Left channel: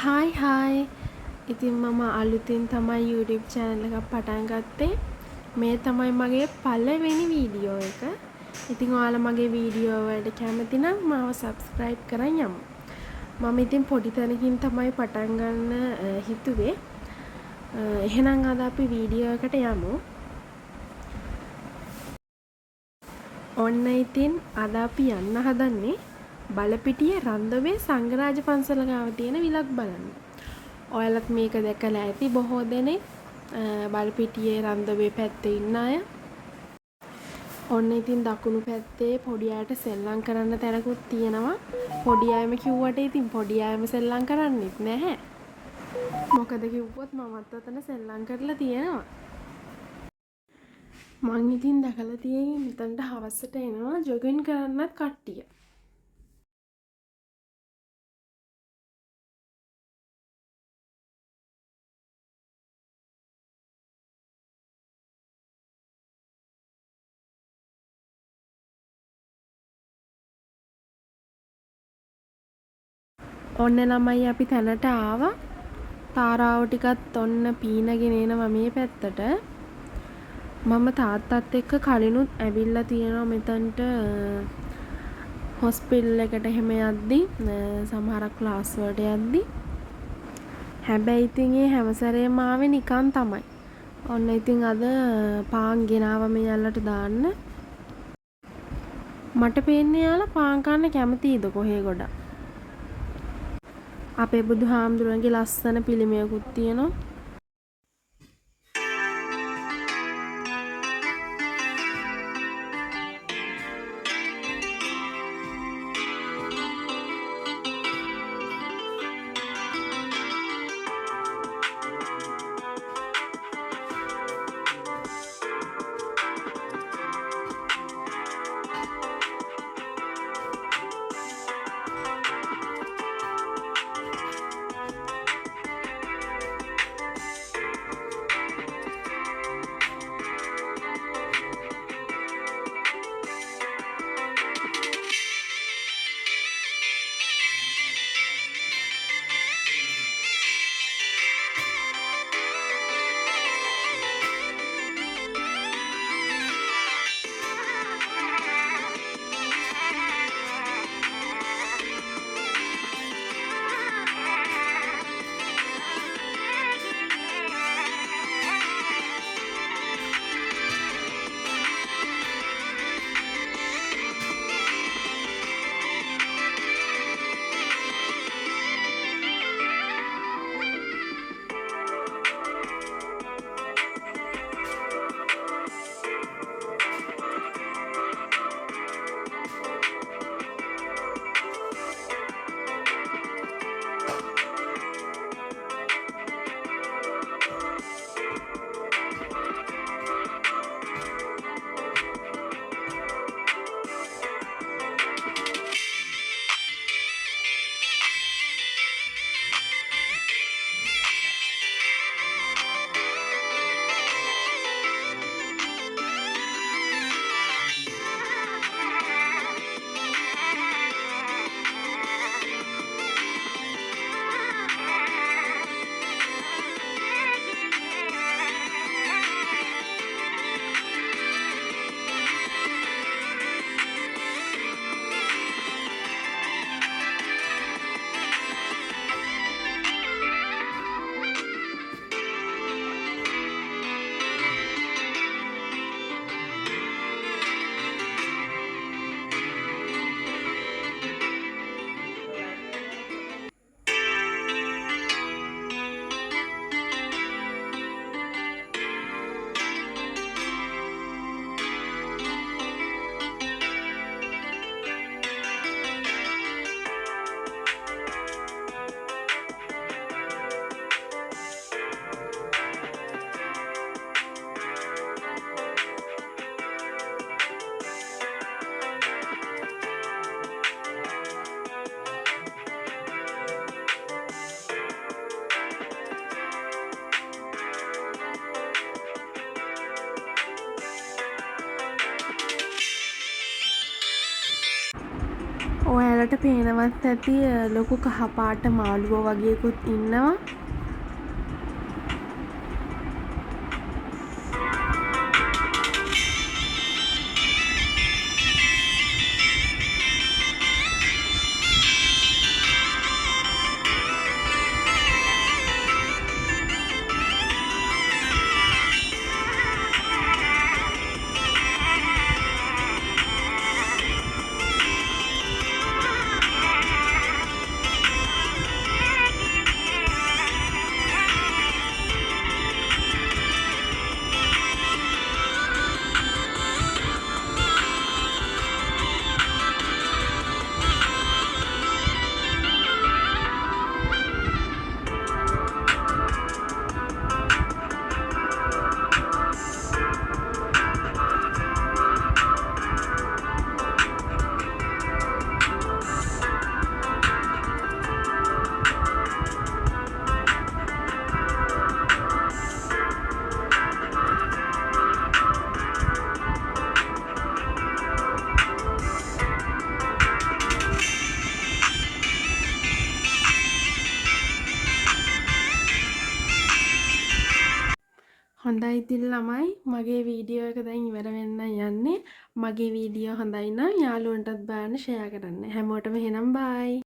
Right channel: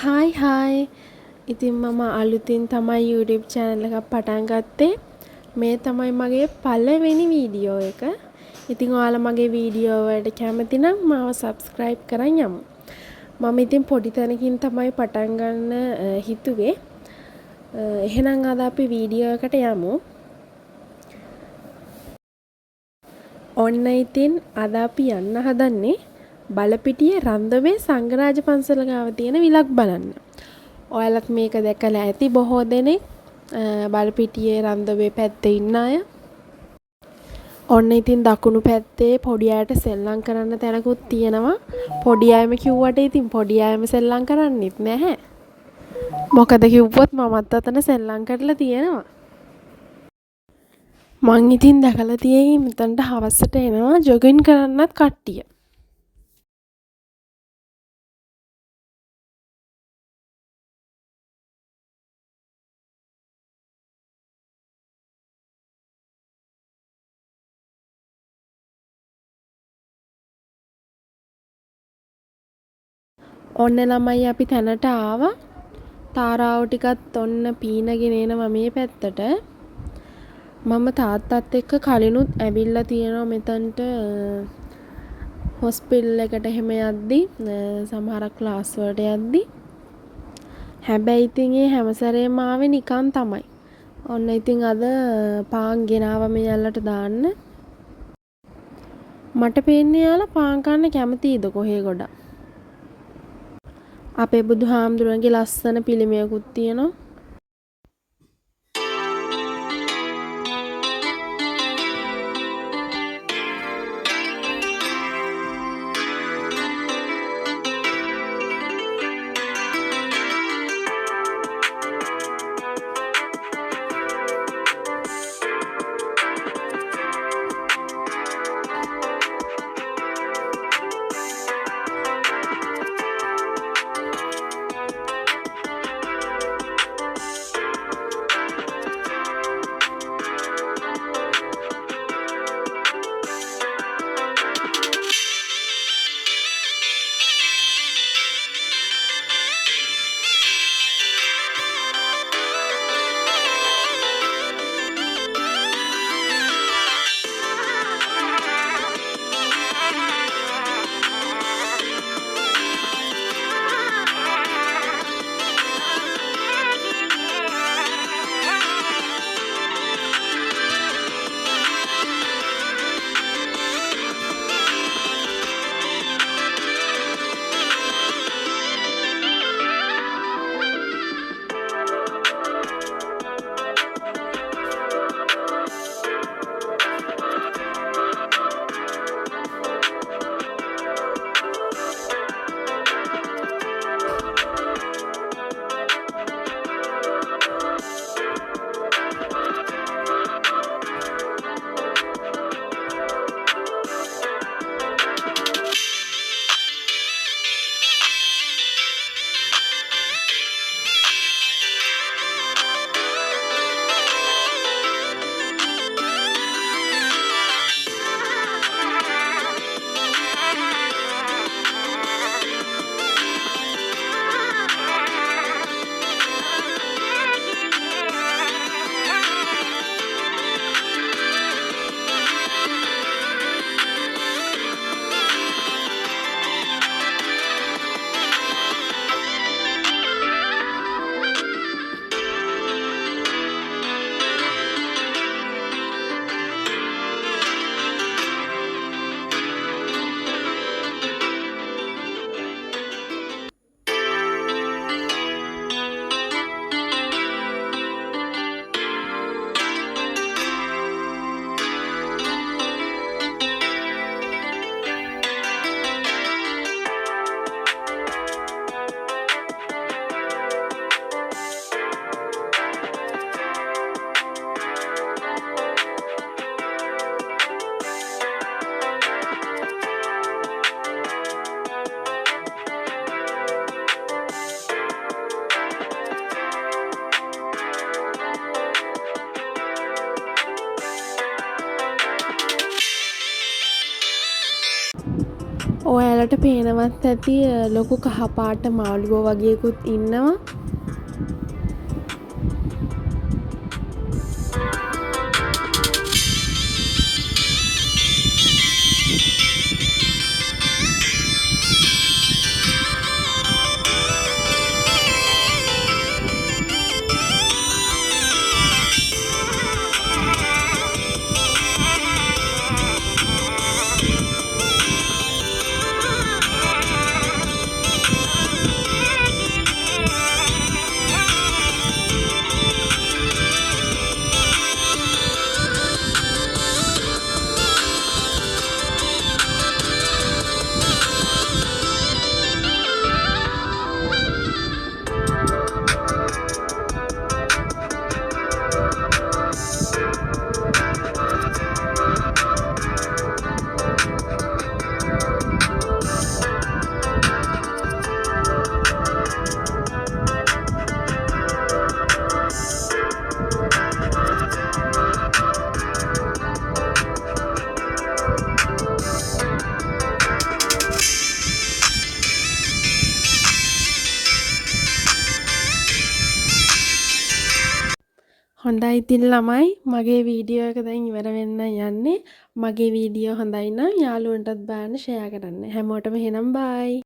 Hi. ඉතින් මම අලුතින් තමයි YouTube channel එකක් පටන් ගත්තේ. මේ තමයි මගේ පළවෙනි වීඩියෝ එක. ඉතින් ඔයාලා මගේ වීඩියෝ වලට කැමති නම් මාව subscribe කරන් යමු. මම ඉතින් පොඩි තැනකින් තමයි පටන් ගන්න හිතුවේ. එහෙනම් අද අපි වීඩියෝ එකට යමු. ඔන්න ඉතින් අද අපි යන්න හදන්නේ බලපිටියේ රන්දවේ සංඝරාජ පන්සල ගාව තියෙන විලක් බලන්න. ඔයාලත් මේක දැකලා ඇති බොහෝ දෙනෙක් බලපිටියේ රන්දවේ පැත්තේ ඉන්න අය. ඔන්න ඉතින් දකුණු පැත්තේ පොඩි අයට සෙල්ලම් කරන්න තැනකුත් තියෙනවා. පොඩි අයම කිව්වට ඉතින් පොඩි අයම සෙල්ලම් කරන්නෙත් නැහැ. මොකද කිව්වොත් මමත් අතන සෙල්ලම් කරලා තියෙනවා. මං ඉතින් දැකලා තියෙයි මෙතනට හවසට එනවා ජොගින් කරන්නත් කට්ටිය. ඔන්න ළමයි අපි තැනට ආවා. තාරාව ටිකත් ඔන්න පීනගෙන එනවා මේ පැත්තට. මම තාත්තත් එක්ක කලිනුත් ඇවිල්ලා තියෙනවා මෙතනට හොස්පිටල් එකට එහෙම යද්දි සමහරක් ක්ලාස් වලට යද්දි. හැබැයි ඉතින් ඒ හැම සැරේම ආවේ නිකන් තමයි. ඔන්න ඉතින් අද පාන් ගෙනාවා මේ ඇල්ලට දාන්න. මට පේන්නේ යාලා පාන් කන්න කැමතියිද කොහේ ගොඩක්. අපේ බුදුහාමුදුරන්ගේ ලස්සන පිළිමයකුත් තියෙනවා. ඔයාලට පේනවත් ඇති ලොකු කහපාට මාළුවෝ වගේකුත් ඉන්නවා. හොඳයි ඉතින් ළමයි මගේ වීඩියෝ එක දැන් ඉවර වෙන්න යන්නේ. මගේ වීඩියෝ හොඳයි නම් යාළුවන්ටත් බලන්න ෂෙයා කරන්න. හැමෝටම එහෙනම් බයි.